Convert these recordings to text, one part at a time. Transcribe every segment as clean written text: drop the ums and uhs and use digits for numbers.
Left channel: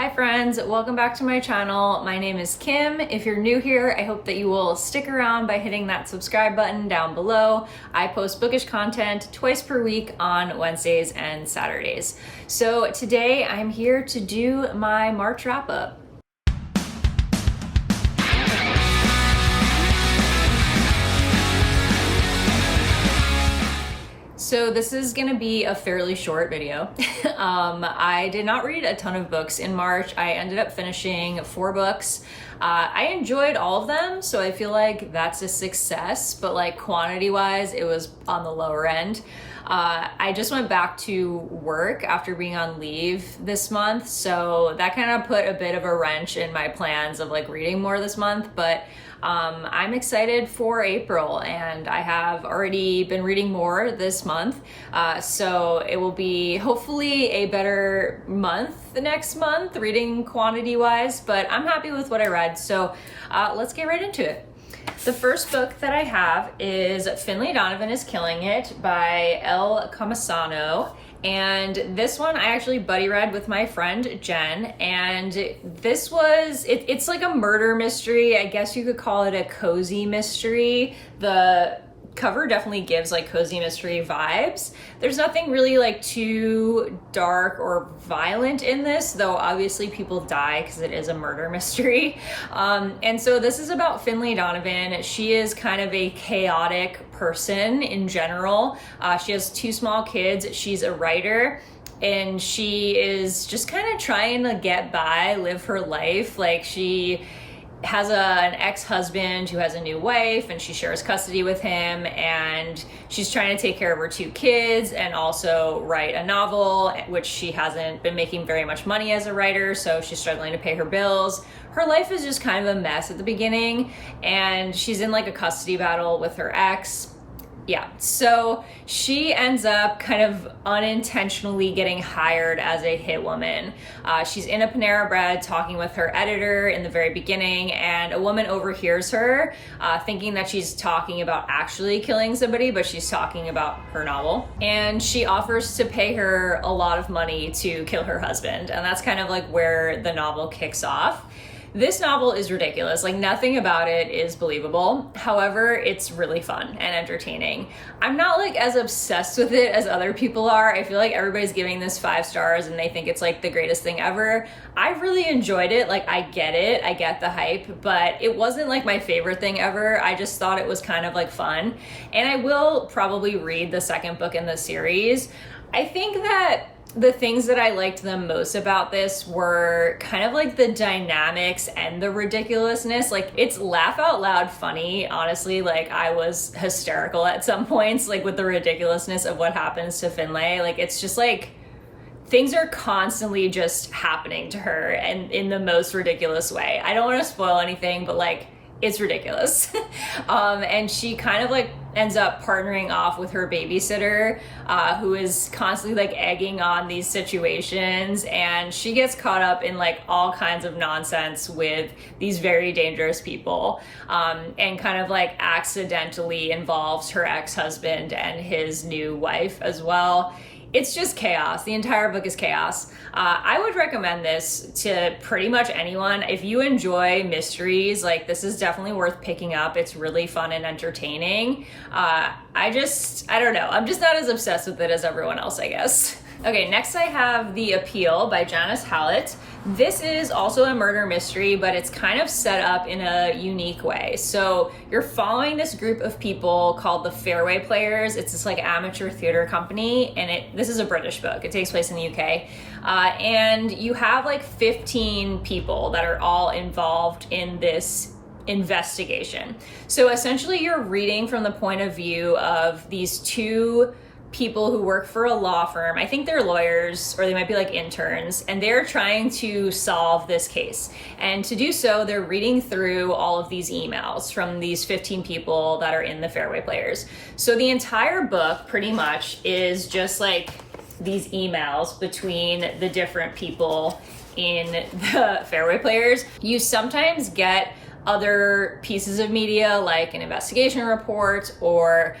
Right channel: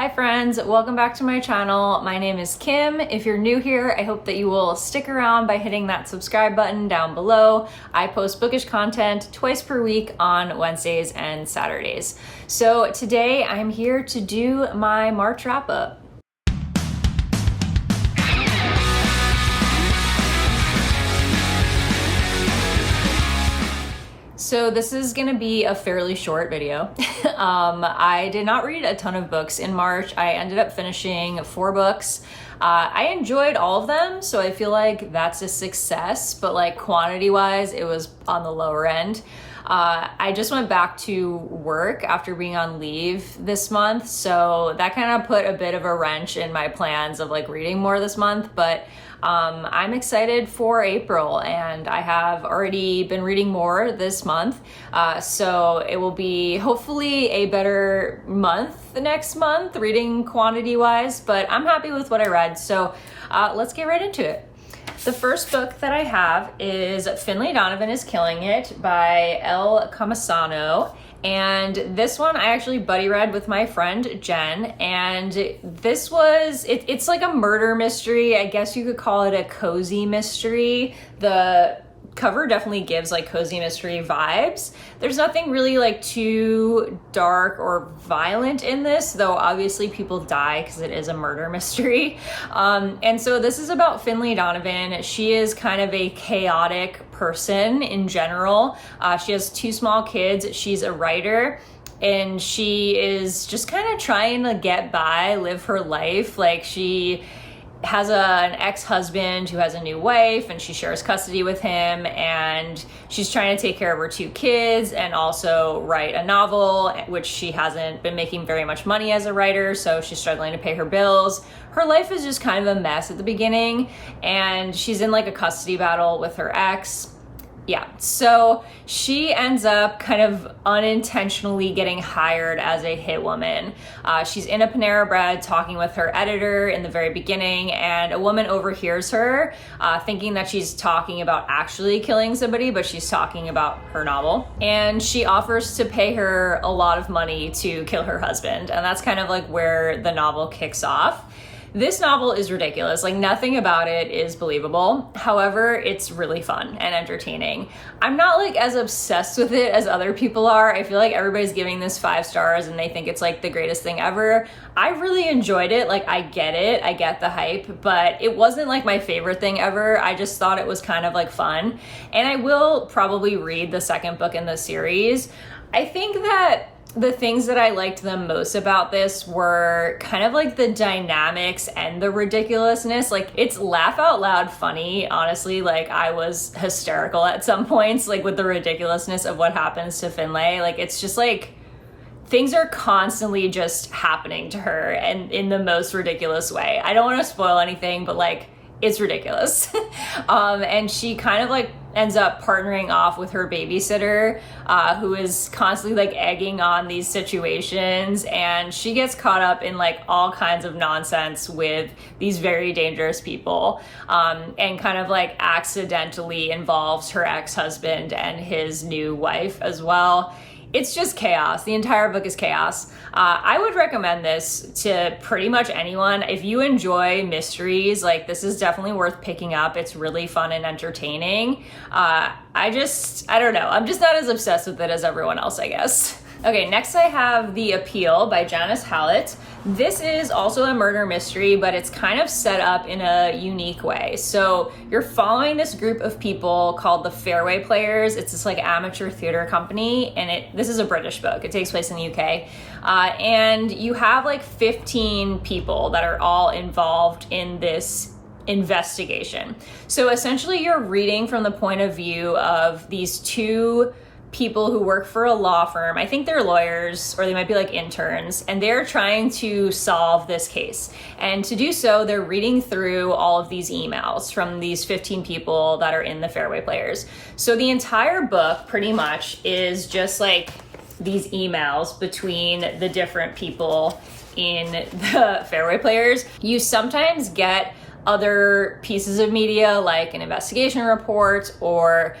Hi friends, welcome back to my channel. My name is Kim. If you're new here, I hope that you will stick around by hitting that subscribe button down below. I post bookish content twice per week on Wednesdays and Saturdays. So today I'm here to do my March wrap up. So this is gonna be a fairly short video. I did not read a ton of books in March. I ended up finishing 4 books. I enjoyed all of them, so I feel like that's a success, but like quantity-wise, it was on the lower end. I just went back to work after being on leave this month, so that kind of put a bit of a wrench in my plans of like reading more this month, but I'm excited for April, and I have already been reading more this month, so it will be hopefully a better month next month reading quantity wise, but I'm happy with what I read, so let's get right into it. The first book that I have is Finlay, Donovan is Killing It by El Comisano. And this one I actually buddy read with my friend Jen, and this was, it's like a murder mystery. I guess you could call it a cozy mystery. The cover definitely gives like cozy mystery vibes. There's nothing really like too dark or violent in this, though obviously people die because it is a murder mystery. And so this is about Finlay Donovan. She is kind of a chaotic person in general. She has 2 small kids. She's a writer, and she is just kind of trying to get by, live her life. Like she has an ex-husband who has a new wife, and she shares custody with him, and she's trying to take care of her 2 kids and also write a novel, which she hasn't been making very much money as a writer, so she's struggling to pay her bills. Her life is just kind of a mess at the beginning, and she's in like a custody battle with her ex. Yeah, so she ends up kind of unintentionally getting hired as a hit woman. She's in a Panera Bread talking with her editor in the very beginning, and a woman overhears her thinking that she's talking about actually killing somebody, but she's talking about her novel. And she offers to pay her a lot of money to kill her husband, and that's kind of like where the novel kicks off. This novel is ridiculous. Like nothing about it is believable. However, it's really fun and entertaining. I'm not like as obsessed with it as other people are. I feel like everybody's giving this 5 stars and they think it's like the greatest thing ever. I really enjoyed it. Like I get it. I get the hype, but it wasn't like my favorite thing ever. I just thought it was kind of like fun. And I will probably read the second book in the series. I think that the things that I liked the most about this were kind of like the dynamics and the ridiculousness. Like it's laugh out loud funny, honestly. Like I was hysterical at some points, like with the ridiculousness of what happens to Finlay. Like it's just like things are constantly just happening to her and in the most ridiculous way. I don't want to spoil anything, but like it's ridiculous. And she kind of like ends up partnering off with her babysitter, who is constantly like egging on these situations, and she gets caught up in like all kinds of nonsense with these very dangerous people, and kind of like accidentally involves her ex-husband and his new wife as well. It's just chaos. The entire book is chaos. I would recommend this to pretty much anyone. If you enjoy mysteries, like this is definitely worth picking up. It's really fun and entertaining. I don't know. I'm just not as obsessed with it as everyone else, I guess. Okay, next I have The Appeal by Janice Hallett. This is also a murder mystery, but it's kind of set up in a unique way. So you're following this group of people called the Fairway Players. It's this like amateur theater company, and this is a British book. It takes place in the UK. And you have like 15 people that are all involved in this investigation. So essentially you're reading from the point of view of these 2 people who work for a law firm. I think they're lawyers, or they might be like interns, and they're trying to solve this case. And to do so, they're reading through all of these emails from these 15 people that are in the Fairway Players. So the entire book pretty much is just like these emails between the different people in the Fairway Players. You sometimes get other pieces of media like an investigation report, or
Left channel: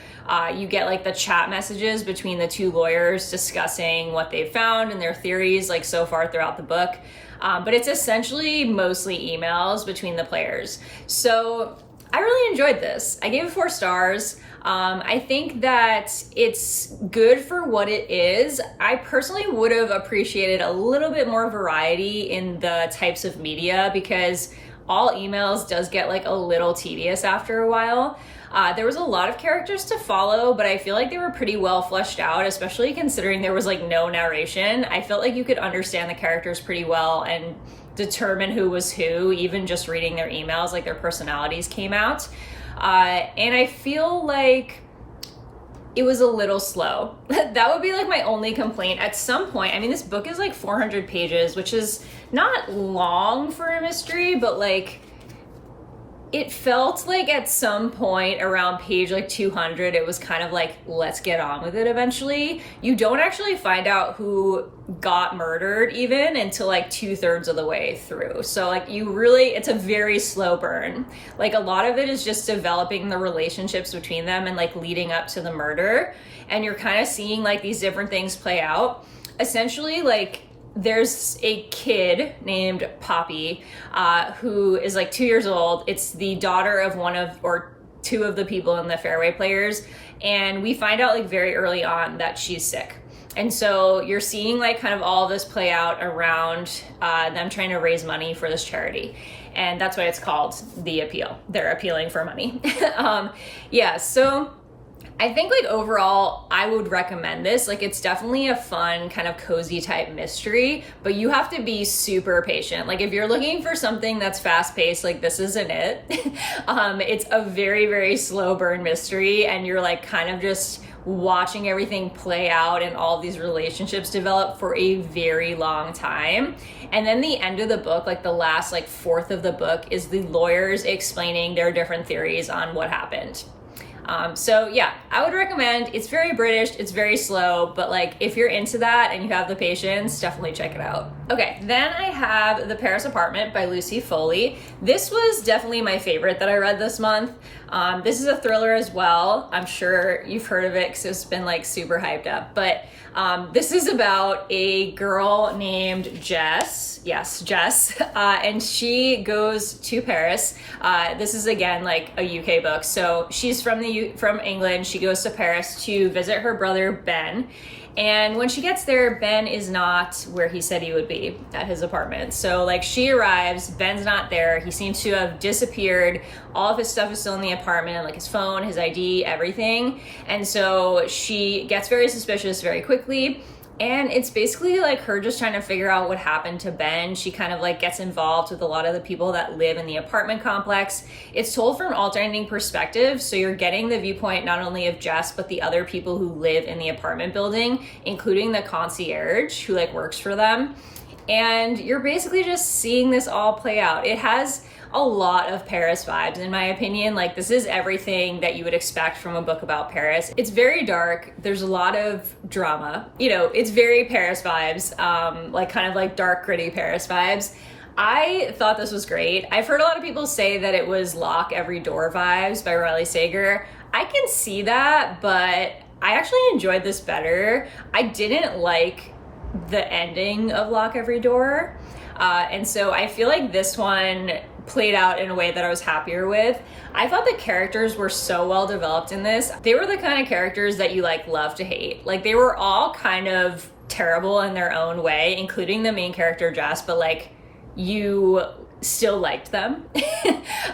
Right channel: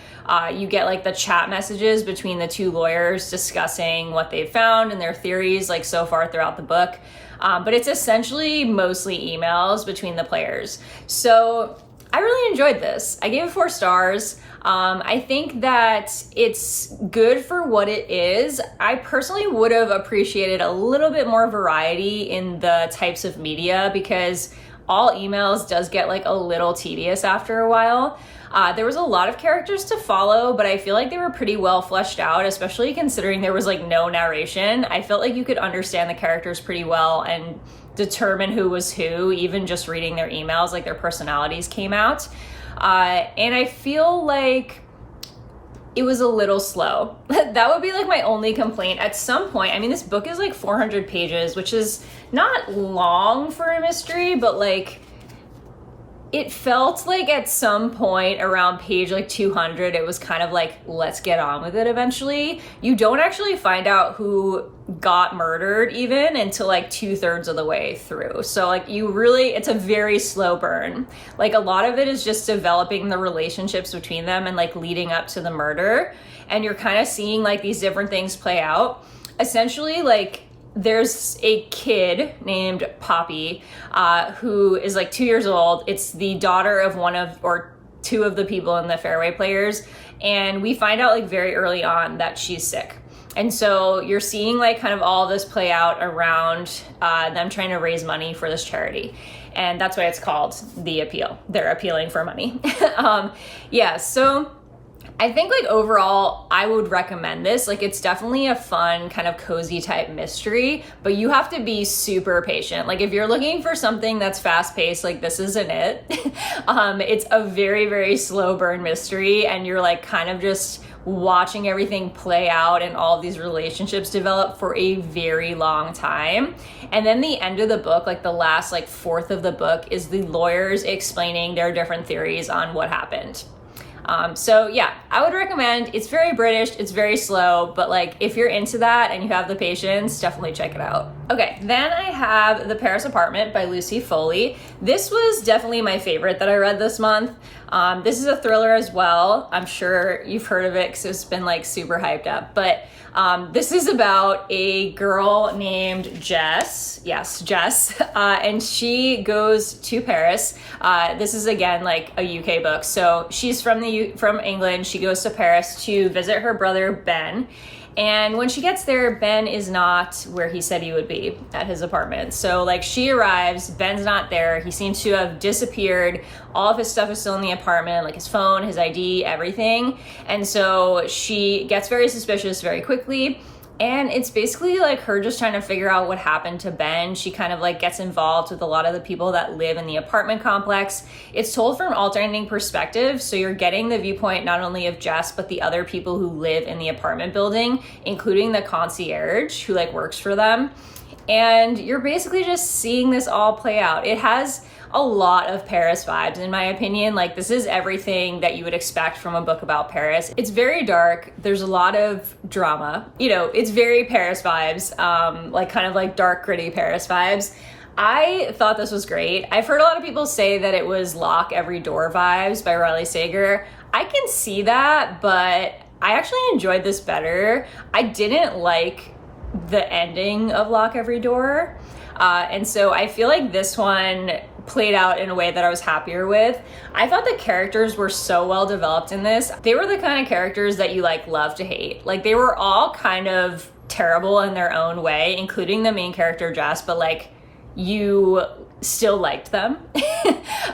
you get like the chat messages between the 2 lawyers discussing what they've found and their theories like so far throughout the book. but it's essentially mostly emails between the players. So I really enjoyed this. I gave it 4 stars. I think that it's good for what it is. I personally would have appreciated a little bit more variety in the types of media, because all emails does get like a little tedious after a while. There was a lot of characters to follow, but I feel like they were pretty well fleshed out, especially considering there was like no narration. I felt like you could understand the characters pretty well and determine who was who, even just reading their emails, like their personalities came out. And I feel like it was a little slow. That would be like my only complaint. At some point, I mean, this book is like 400 pages, which is not long for a mystery, but like it felt like at some point around page like 200, it was kind of like, let's get on with it eventually. You don't actually find out who got murdered even until like 2/3 of the way through. So like it's a very slow burn. Like a lot of it is just developing the relationships between them and like leading up to the murder. And you're kind of seeing like these different things play out. Essentially, like there's a kid named Poppy who is like 2 years old. It's the daughter of one of or two of the people in the Fairway Players, and we find out like very early on that she's sick. And so you're seeing like kind of all this play out around them trying to raise money for this charity, and that's why it's called The Appeal. They're appealing for money. So I think like overall, I would recommend this. Like it's definitely a fun kind of cozy type mystery, but you have to be super patient. Like if you're looking for something that's fast paced, like this isn't it. It's a very, very slow burn mystery, and you're like kind of just watching everything play out and all of these relationships develop for a very long time. And then the end of the book, like the last like 1/4 of the book, is the lawyers explaining their different theories on what happened. So yeah, I would recommend. It's very British, it's very slow, but like if you're into that and you have the patience, definitely check it out. Okay, then I have The Paris Apartment by Lucy Foley. This was definitely my favorite that I read this month. This is a thriller as well. I'm sure you've heard of it because it's been like super hyped up, but this is about a girl named Jess. Yes, Jess. And she goes to Paris. This is again like a UK book. So she's from England. She goes to Paris to visit her brother Ben. And when she gets there, Ben is not where he said he would be, at his apartment. So like she arrives, Ben's not there. He seems to have disappeared. All of his stuff is still in the apartment, like his phone, his ID, everything. And so she gets very suspicious very quickly. And it's basically like her just trying to figure out what happened to Ben. She kind of like gets involved with a lot of the people that live in the apartment complex. It's told from alternating perspectives, so you're getting the viewpoint not only of Jess, but the other people who live in the apartment building, including the concierge who like works for them. And you're basically just seeing this all play out. It has a lot of Paris vibes, in my opinion. Like this is everything that you would expect from a book about Paris. It's very dark. There's a lot of drama. It's very Paris vibes, like kind of like dark, gritty Paris vibes. I thought this was great. I've heard a lot of people say that it was Lock Every Door vibes by Riley Sager. I can see that, but I actually enjoyed this better. I didn't like the ending of Lock Every Door. And so I feel like this one played out in a way that I was happier with. I thought the characters were so well developed in this. They were the kind of characters that you like love to hate. Like they were all kind of terrible in their own way, including the main character Jess, but like you still liked them.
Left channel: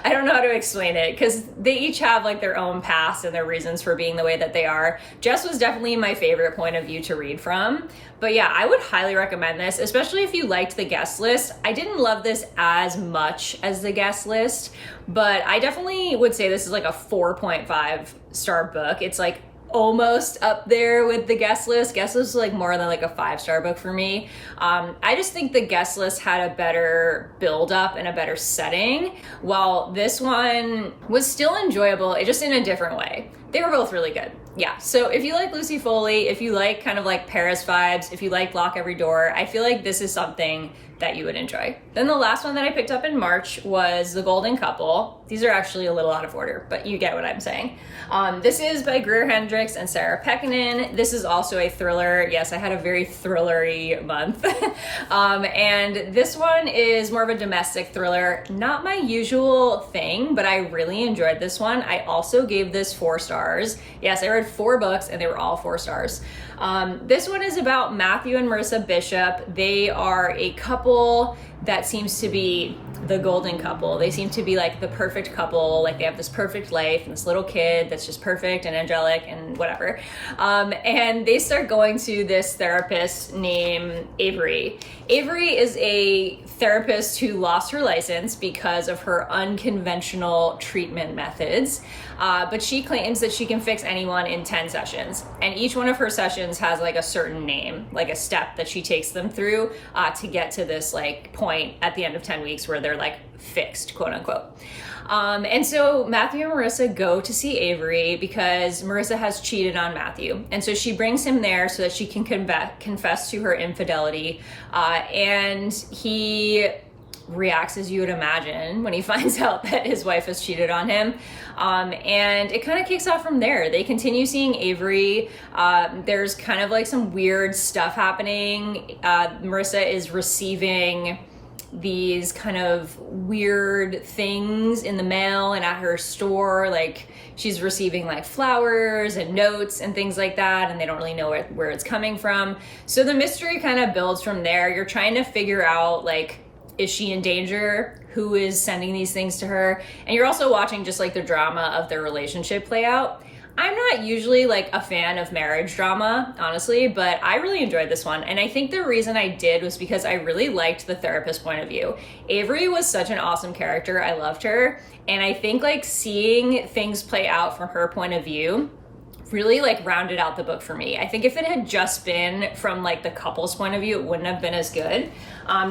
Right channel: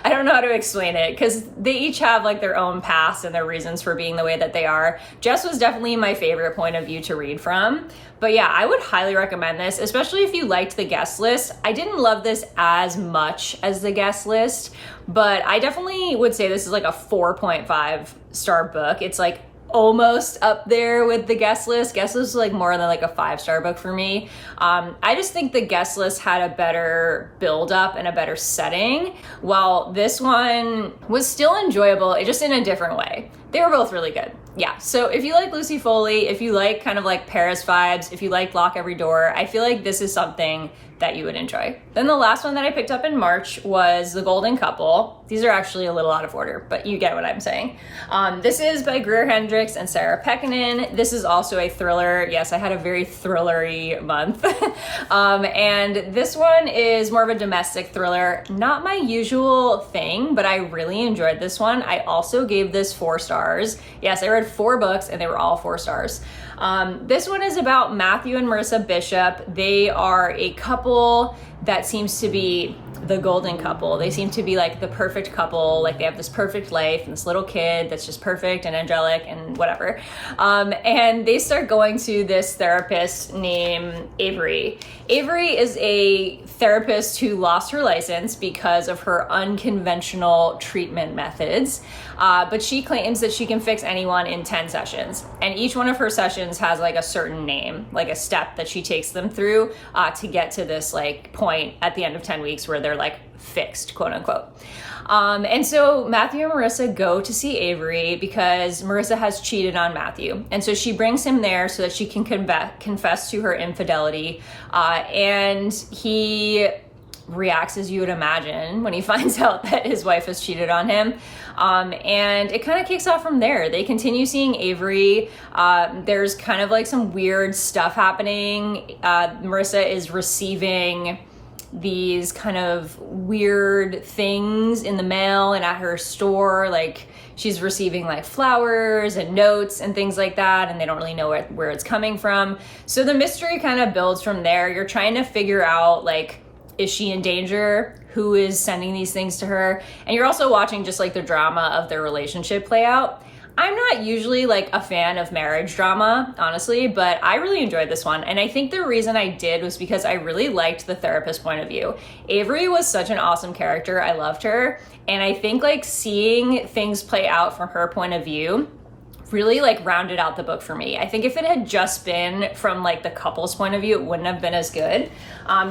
I don't know how to explain it because they each have like their own past and their reasons for being the way that they are. Jess was definitely my favorite point of view to read from. But yeah, I would highly recommend this, especially if you liked the guest list. I didn't love this as much as the guest list, but I definitely would say this is like a 4.5 star book. It's like almost up there with the guest list. Guest list is like more than like a 5-star book for me. I just think the guest list had a better build up and a better setting, while this one was still enjoyable, it just in a different way. They were both really good. Yeah, so if you like Lucy Foley, if you like kind of like Paris vibes, if you like Lock Every Door, I feel like this is something that you would enjoy. Then the last one that I picked up in March was The Golden Couple. These are actually a little out of order, but you get what I'm saying. This is by Greer Hendricks and Sarah Pekkanen. This is also a thriller. Yes, I had a very thrillery month. And this one is more of a domestic thriller. Not my usual thing, but I really enjoyed this one. I also gave this 4 stars. Yes, I read 4 books and they were all 4 stars. This one is about Matthew and Marissa Bishop. They are a couple that seems to be the golden couple. They seem to be like the perfect couple. Like they have this perfect life and this little kid that's just perfect and angelic and whatever. And they start going to this therapist named Avery. Avery is a therapist who lost her license because of her unconventional treatment methods. But she claims that she can fix anyone in 10 sessions. And each one of her sessions has like a certain name, like a step that she takes them through to get to this like point at the end of 10 weeks where they're like fixed, quote unquote. And so Matthew and Marissa go to see Avery because Marissa has cheated on Matthew. And so she brings him there so that she can confess to her infidelity. And he reacts as you would imagine when he finds out that his wife has cheated on him. And it kind of kicks off from there. They continue seeing Avery. There's kind of like some weird stuff happening. Marissa is receiving these kind of weird things in the mail and at her store. Like she's receiving like flowers and notes and things like that, and they don't really know where it's coming from. So the mystery kind of builds from there. You're trying to figure out like, is she in danger? Who is sending these things to her? And you're also watching just like the drama of their relationship play out. I'm not usually like a fan of marriage drama, honestly, but I really enjoyed this one. And I think the reason I did was because I really liked the therapist point of view. Avery was such an awesome character. I loved her. And I think like seeing things play out from her point of view really like rounded out the book for me. I think if it had just been from like the couple's point of view, it wouldn't have been as good.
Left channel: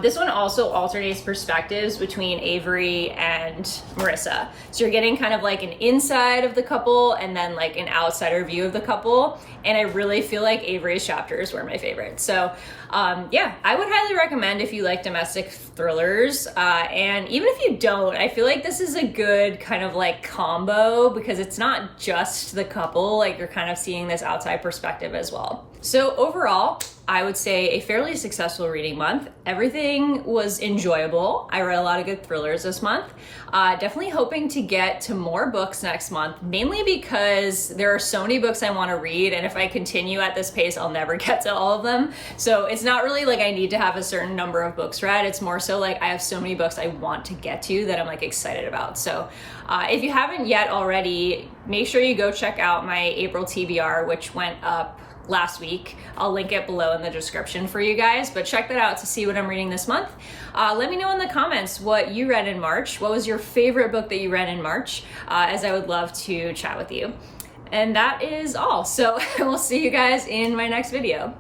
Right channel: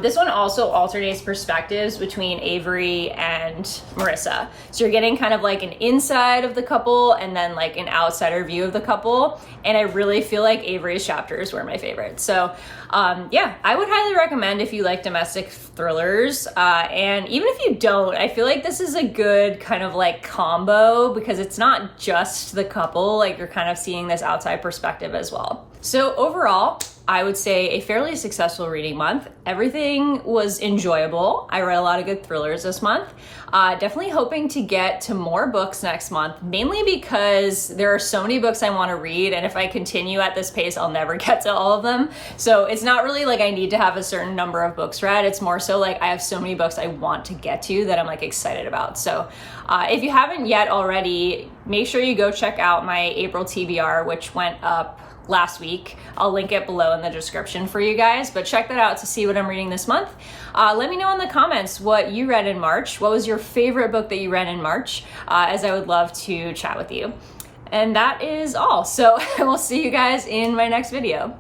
This one also alternates perspectives between Avery and Marissa. So you're getting kind of like an inside of the couple and then like an outsider view of the couple. And I really feel like Avery's chapters were my favorite. So yeah, I would highly recommend if you like domestic thrillers. And even if you don't, I feel like this is a good kind of like combo because it's not just the couple, like you're kind of seeing this outside perspective as well. So overall, I would say a fairly successful reading month. Everything was enjoyable. I read a lot of good thrillers this month. Definitely hoping to get to more books next month, mainly because there are so many books I want to read, and if I continue at this pace, I'll never get to all of them. So it's not really like I need to have a certain number of books read. It's more so like I have so many books I want to get to that I'm like excited about. So if you haven't yet already, make sure you go check out my April TBR, which went up last week. I'll link it below in the description for you guys, but check that out to see what I'm reading this month. Let me know in the comments what you read in March. What was your favorite book that you read in March? As I would love to chat with you. And that is all. So we'll see you guys in my next video.